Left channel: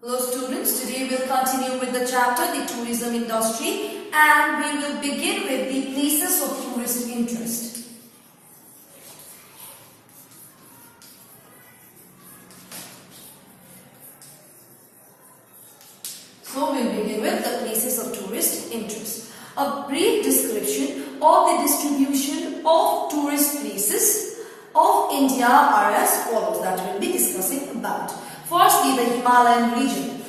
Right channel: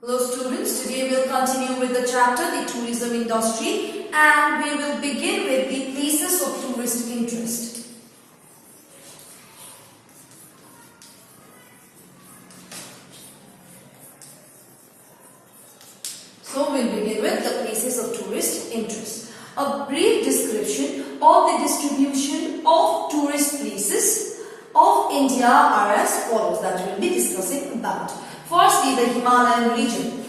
Hello students, today we'll continue with the chapter the tourism industry and we will begin with the places of tourist interest. So we'll begin with the places of tourist interest. A brief description of the distribution of tourist places of India are as follows that we'll be discussing about. Firstly, the Himalayan region.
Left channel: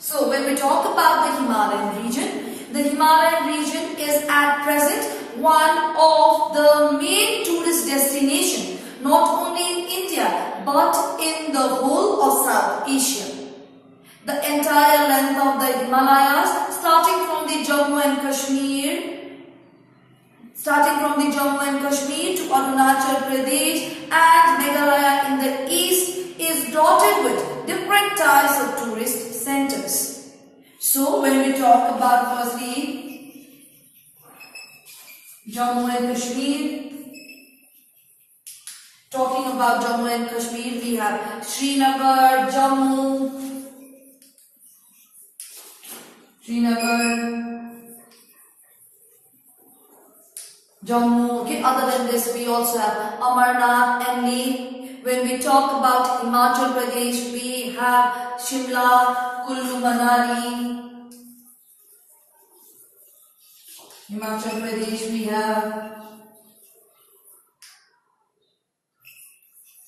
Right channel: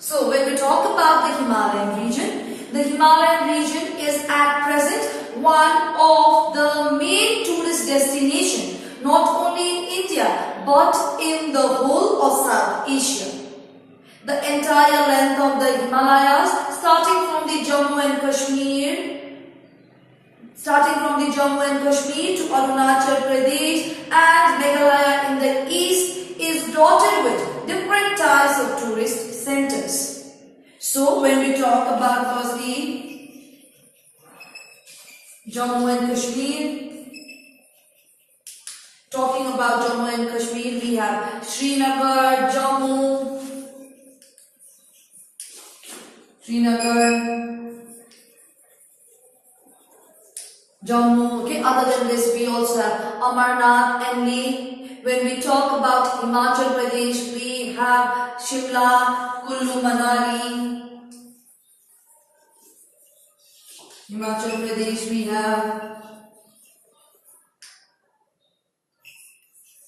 So, when we talk about the Himalayan region is at present one of the main tourist destinations, not only in India, but in the whole of South Asia. The entire length of the Himalayas, starting from the Jammu and Kashmir to Arunachal Pradesh and Meghalaya in the east, is dotted with different types of tourist centers. So when we talk about firstly Jammu and Kashmir, talking about Jammu and Kashmir, we have Srinagar, Jammu. Okay, other than this, we also have Amarnath and Leh. When we talk about Himachal Pradesh, we have Shimla, Kullu Manali. Himachal Pradesh, we have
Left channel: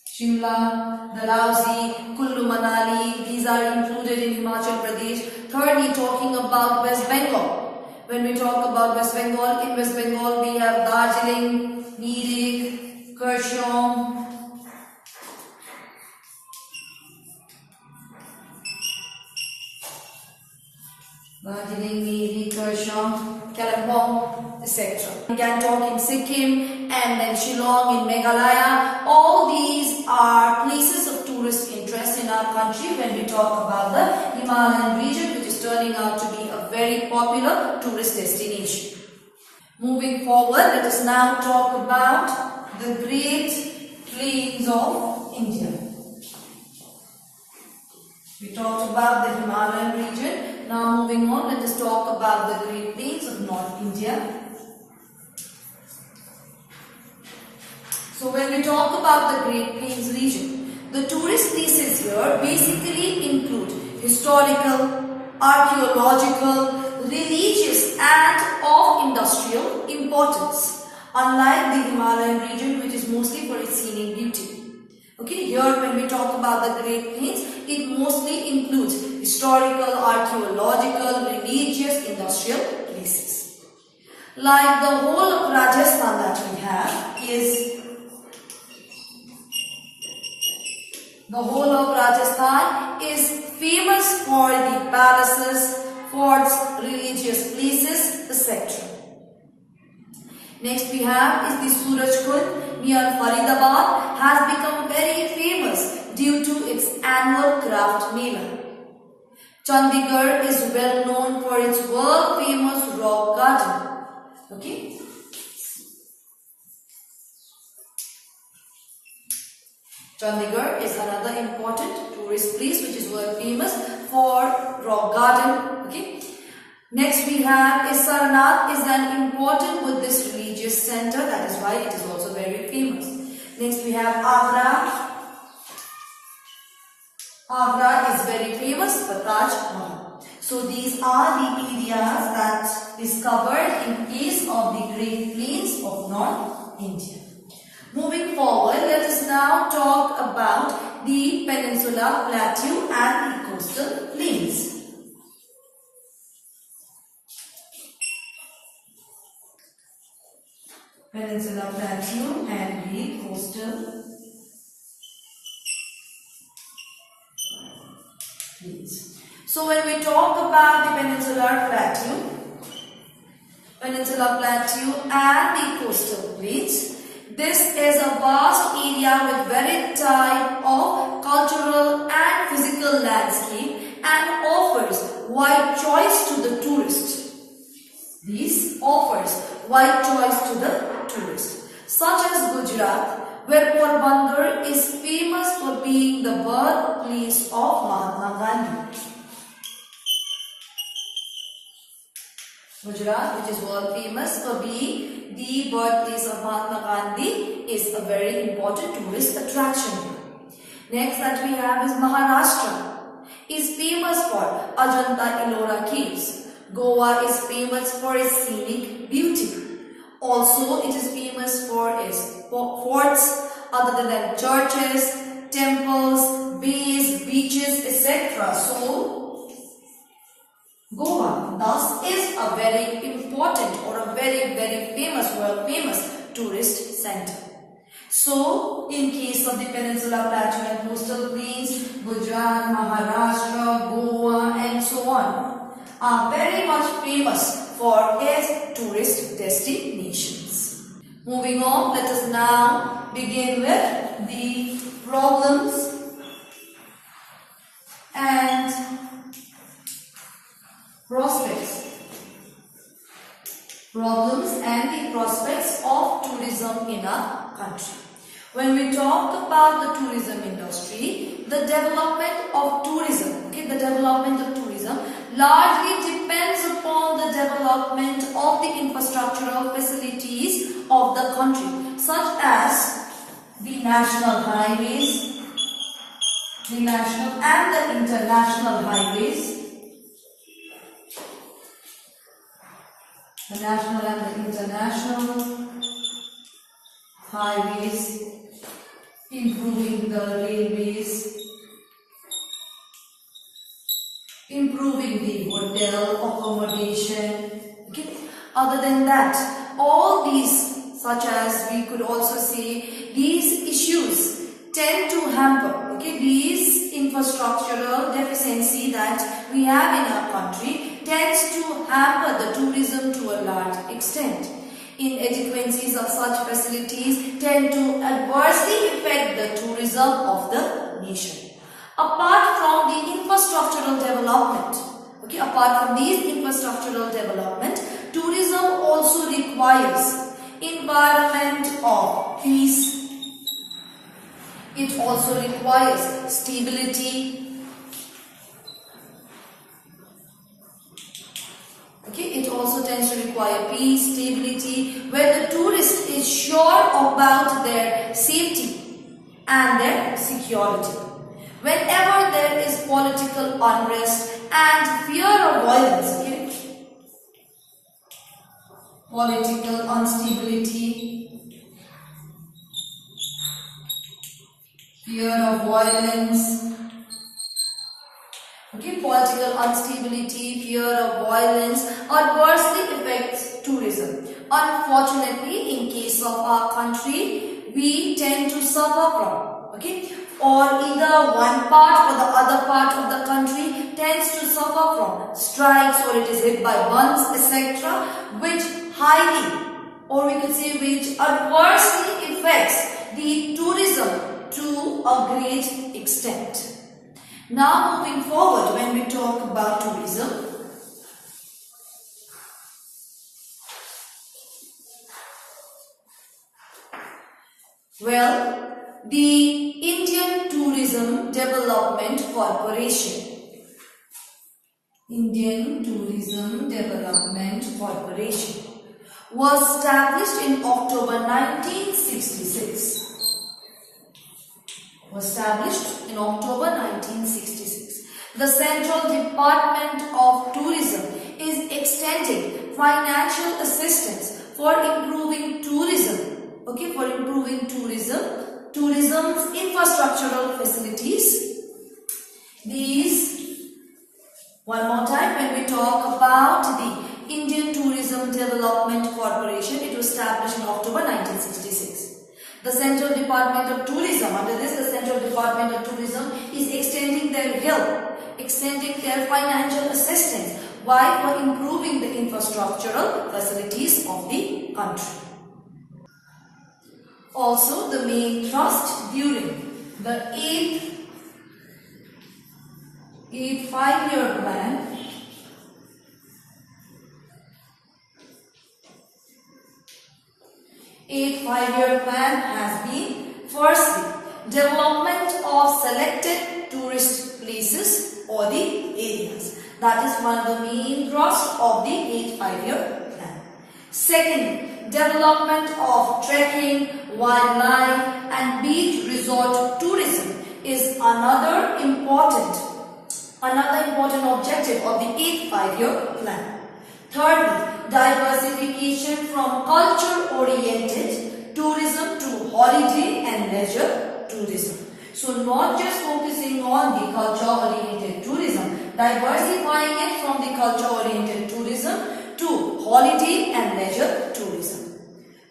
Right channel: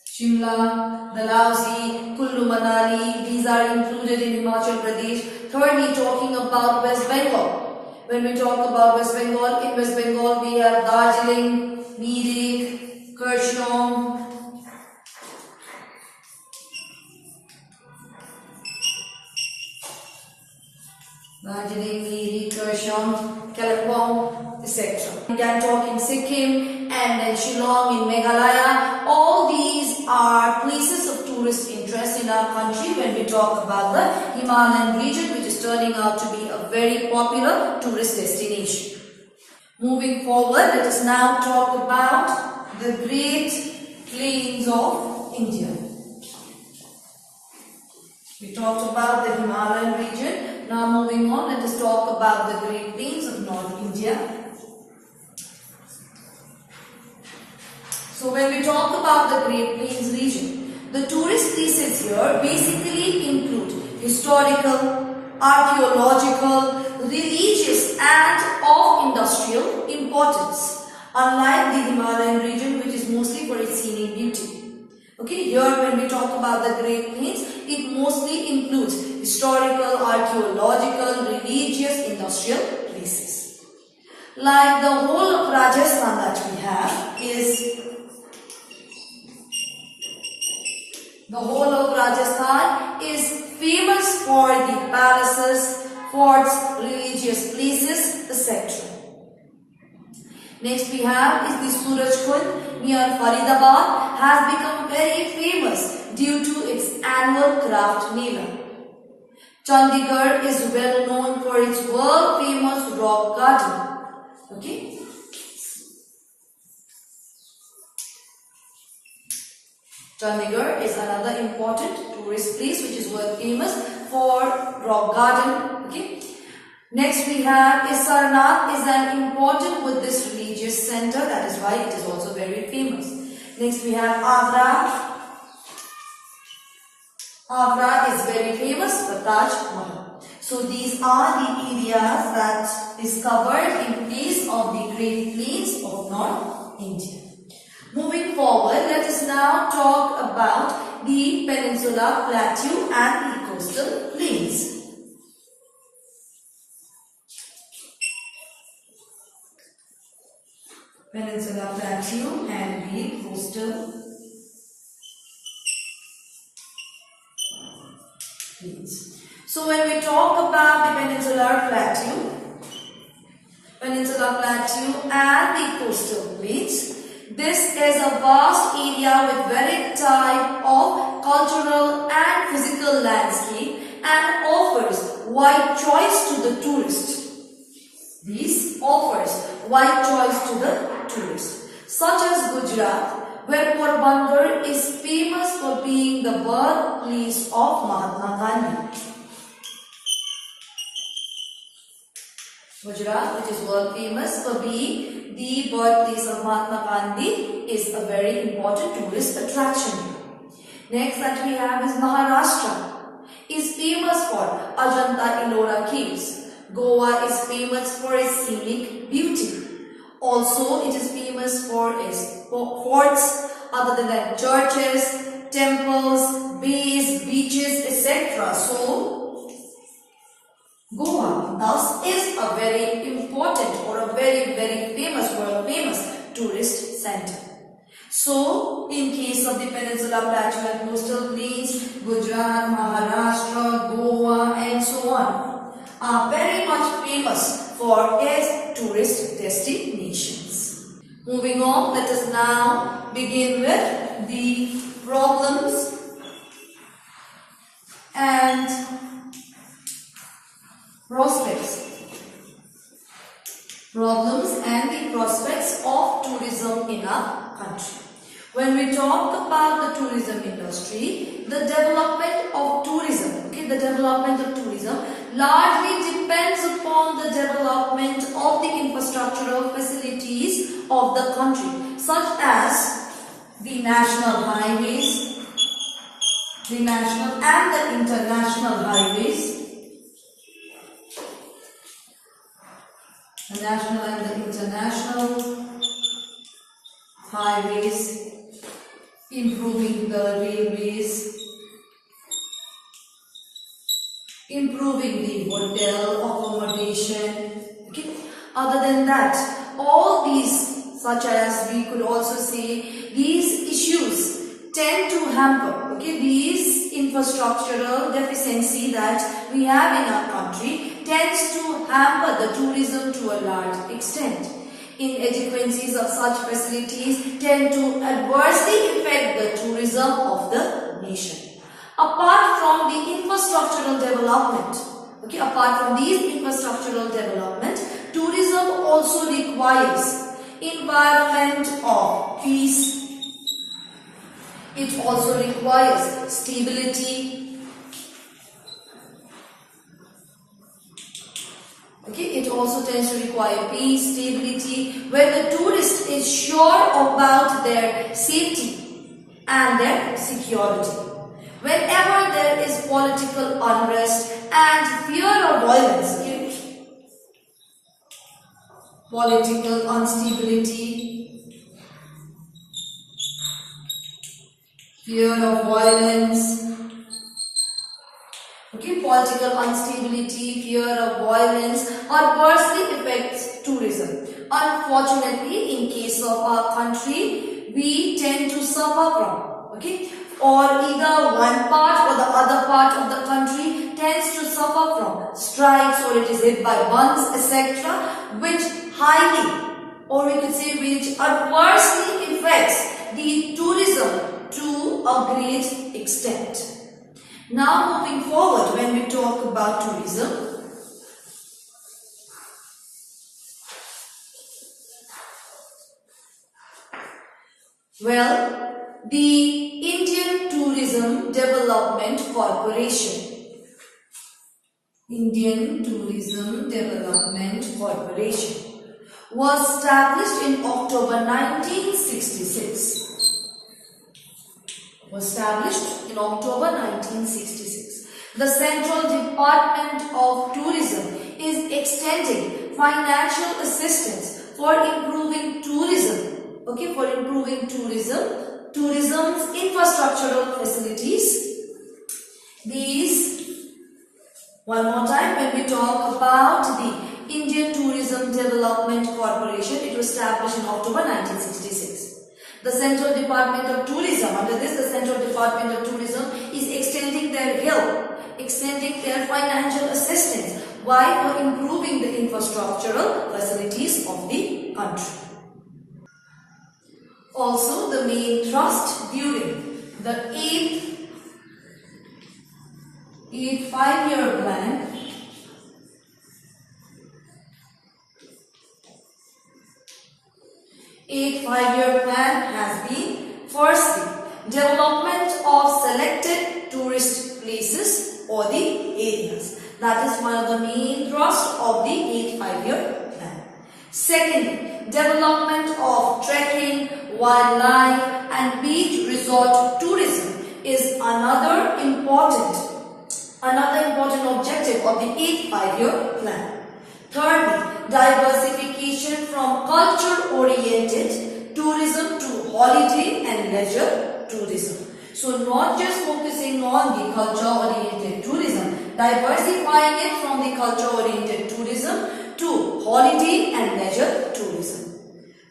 Shimla, Dalhousie, Kullu Manali. These are included in Himachal Pradesh. Thirdly, talking about West Bengal. When we talk about West Bengal, in West Bengal we have Darjeeling, Mirik, Kurseong, Kalimpong, etc. Gangtok in Sikkim and then Shillong in Meghalaya. All these are places of tourist interest in our country when we talk about the Himalayan region, which is turning out to be a very popular tourist destination. Moving forward, let us now talk about the Great Plains of India. We talked about the Himalayan region. Now moving on, let us talk about the Great Plains of North India. So when we talk about the Great Plains region, the tourist places here basically include historical, archaeological, religious and of industrial importance, unlike the Himalayan region which is mostly for its scenic beauty. Okay, here when we talk about the Great Plains, it mostly includes historical, archaeological, religious, industrial places. Like the whole of Rajasthan that we have is famous for the palaces, forts, religious places, etc. Next we have is the Surajkund near Faridabad, has become very famous due to its annual craft mela. Chandigarh is well known for its world famous rock garden. Okay. Chandigarh is another important tourist place which is world famous for rock garden. Okay. Next we have Sarnath is an important Buddhist religious center, that is why it is also very famous. Next we have Agra. Agra is very famous for Taj Mahal. So these are the areas that is covered in place of the Great Plains of North India. Moving forward, let us now talk about the Peninsula Plateau and the coastal plains. Peninsula Plateau and the coastal plains. So when we talk about the Peninsula Plateau and the coastal plains, this is a vast area with varied type of cultural and physical landscape and offers wide choice to the tourist. This offers wide choice to the tourists. Gujarat, where Porbandar is famous for being the birthplace of Mahatma Gandhi. Gujarat, which is world famous for being the birthplace of Mahatma Gandhi, is a very important tourist attraction. Next that we have is Maharashtra, is famous for Ajanta Ellora caves. Goa is famous for its scenic beauty. Also, it is famous for its forts, other than that, churches, temples, bays, beaches, etc. So, Goa thus is a very important or a very famous, world famous tourist center. So, in case of the Peninsula Plateau and coastal plains, Gujarat, Maharashtra, Goa and so on are very much famous for its tourist destinations. Moving on, let us now begin with the problems and prospects. Problems and the prospects of tourism in our country. When we talk about the tourism industry, the development of tourism, largely depends upon the development of the infrastructural facilities of the country, such as the national highways, the national and the international highways, the national and the international highways, improving the railways, improving the hotel accommodation. Okay. Other than that, all these, such as we could also say, these issues tend to hamper, these infrastructural deficiency that we have in our country tends to hamper the tourism to a large extent. Inadequacies of such facilities tend to adversely affect the tourism of the nation. Apart from the infrastructural development, apart from these infrastructural development, tourism also requires environment of peace. It also requires stability. It also tends to require peace, stability, where the tourist is sure about their safety and their security. Whenever there is political unrest and fear of violence, political instability, fear of violence, political instability, fear of violence adversely affects tourism. Unfortunately, in case of our country, we tend to suffer from, or either one part or the other part of the country tends to suffer from strikes, or it is hit by bombs, etc., which highly, or we could say which adversely affects the tourism to a great extent. Now moving forward, when we talk about tourism, the Indian Tourism Development Corporation. Indian Tourism Development Corporation was established in October 1966. The Central Department of Tourism is extending financial assistance for improving tourism. Tourism's infrastructural facilities. These, one more time, when we talk about the Indian Tourism Development Corporation, it was established in October 1966. The Central Department of Tourism, under this, the Central Department of Tourism is extending their help, extending their financial assistance. Why? For improving the infrastructural facilities of the country. Also, the main thrust during the 8th 5-year plan 8 5-year plan has been, firstly, development of selected tourist places or the areas. That is one of the main thrust of the 8 5-year plan. Secondly, development of trekking, wildlife and beach resort tourism is another important objective of the 8 5-year plan. Thirdly, diversification from culture-oriented tourism to holiday and leisure tourism. So not just focusing on the culture-oriented tourism, diversifying it from the culture-oriented tourism to holiday and leisure tourism.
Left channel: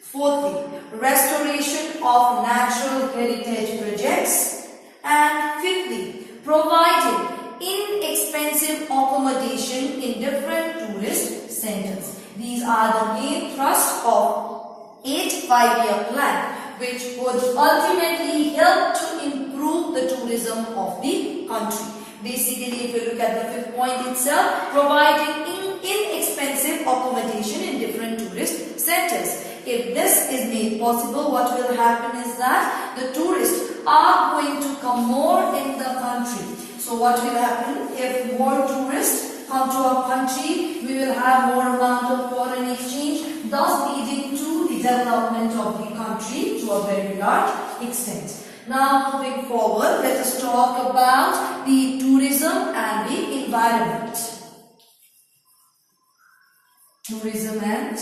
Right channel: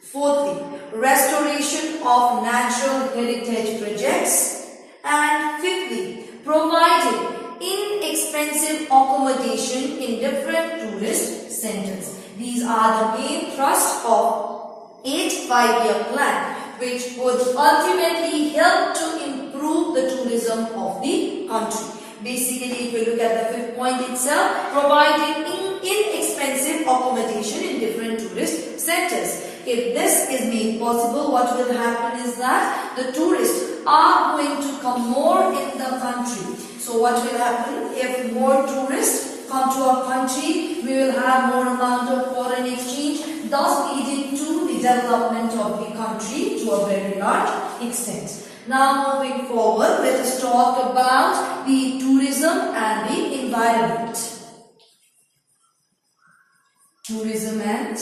Fourthly, restoration of natural heritage projects. And fifthly, providing inexpensive accommodation in different tourist centers. These are the main thrusts of 8 5-year plan, which would ultimately help to improve the tourism of the country. Basically, if we look at the fifth point itself, providing inexpensive accommodation in different tourist centers. If this is made possible, what will happen is that the tourists are going to come more in the country. So what will happen? If more tourists come to our country, we will have more amount of foreign exchange, thus leading to the development of the country to a very large extent. Now moving forward, let us talk about the tourism and the environment. Tourism and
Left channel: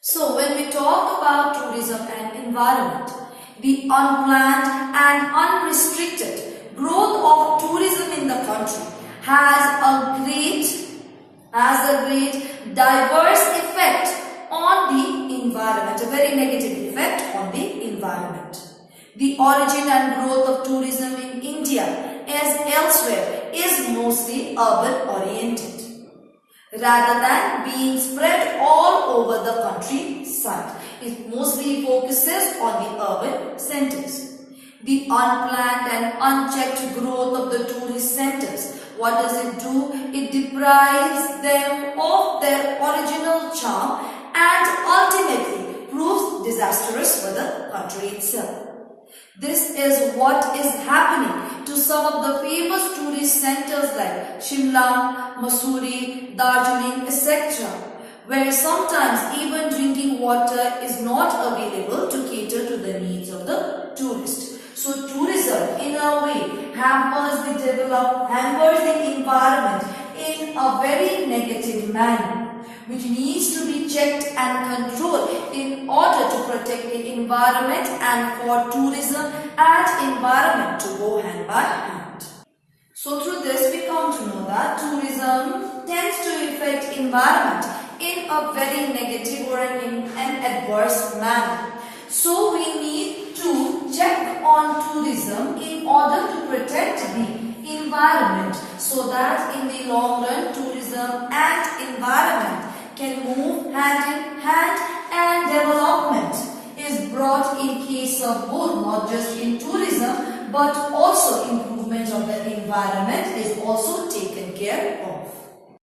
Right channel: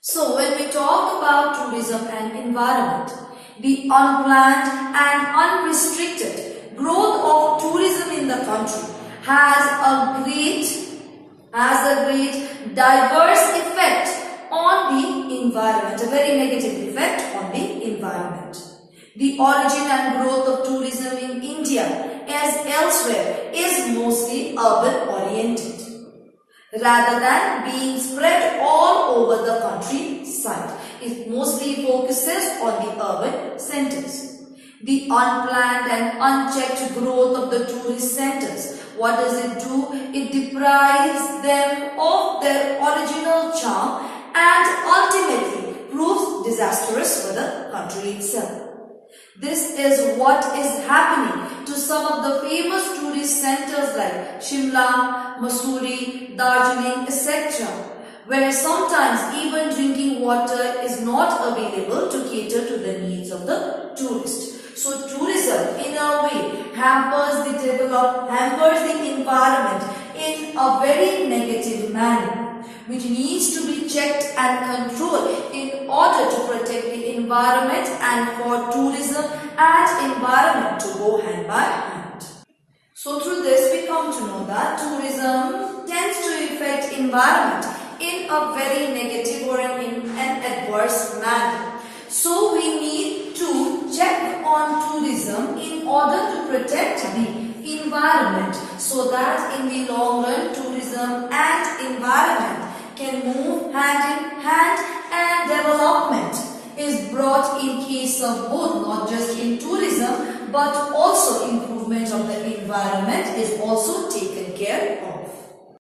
so when we talk about tourism and environment, the unplanned and unrestricted growth of tourism in the country has a great diverse effect on the environment, a very negative effect on the environment. The origin and growth of tourism in India as elsewhere is mostly urban oriented, rather than being spread all over the countryside. It mostly focuses on the urban centers. The unplanned and unchecked growth of the tourist centers, what does it do? It deprives them of their original charm and ultimately proves disastrous for the country itself. This is what is happening to some of the famous tourist centers like Shimla, Mussoorie, Darjeeling, etc., where sometimes even drinking water is not available to cater to the needs of the tourist. So tourism in a way hampers the environment in a very negative manner, which needs to be checked and controlled in order to protect the environment and for tourism and environment to go hand by hand. So through this we come to know that tourism tends to affect environment in a very negative or in an adverse manner. So we need to check on tourism in order to protect the environment so that in the long run tourism and environment can move hand in hand and development is brought in case of both, not just in tourism but also improvement of the environment is also taken care of.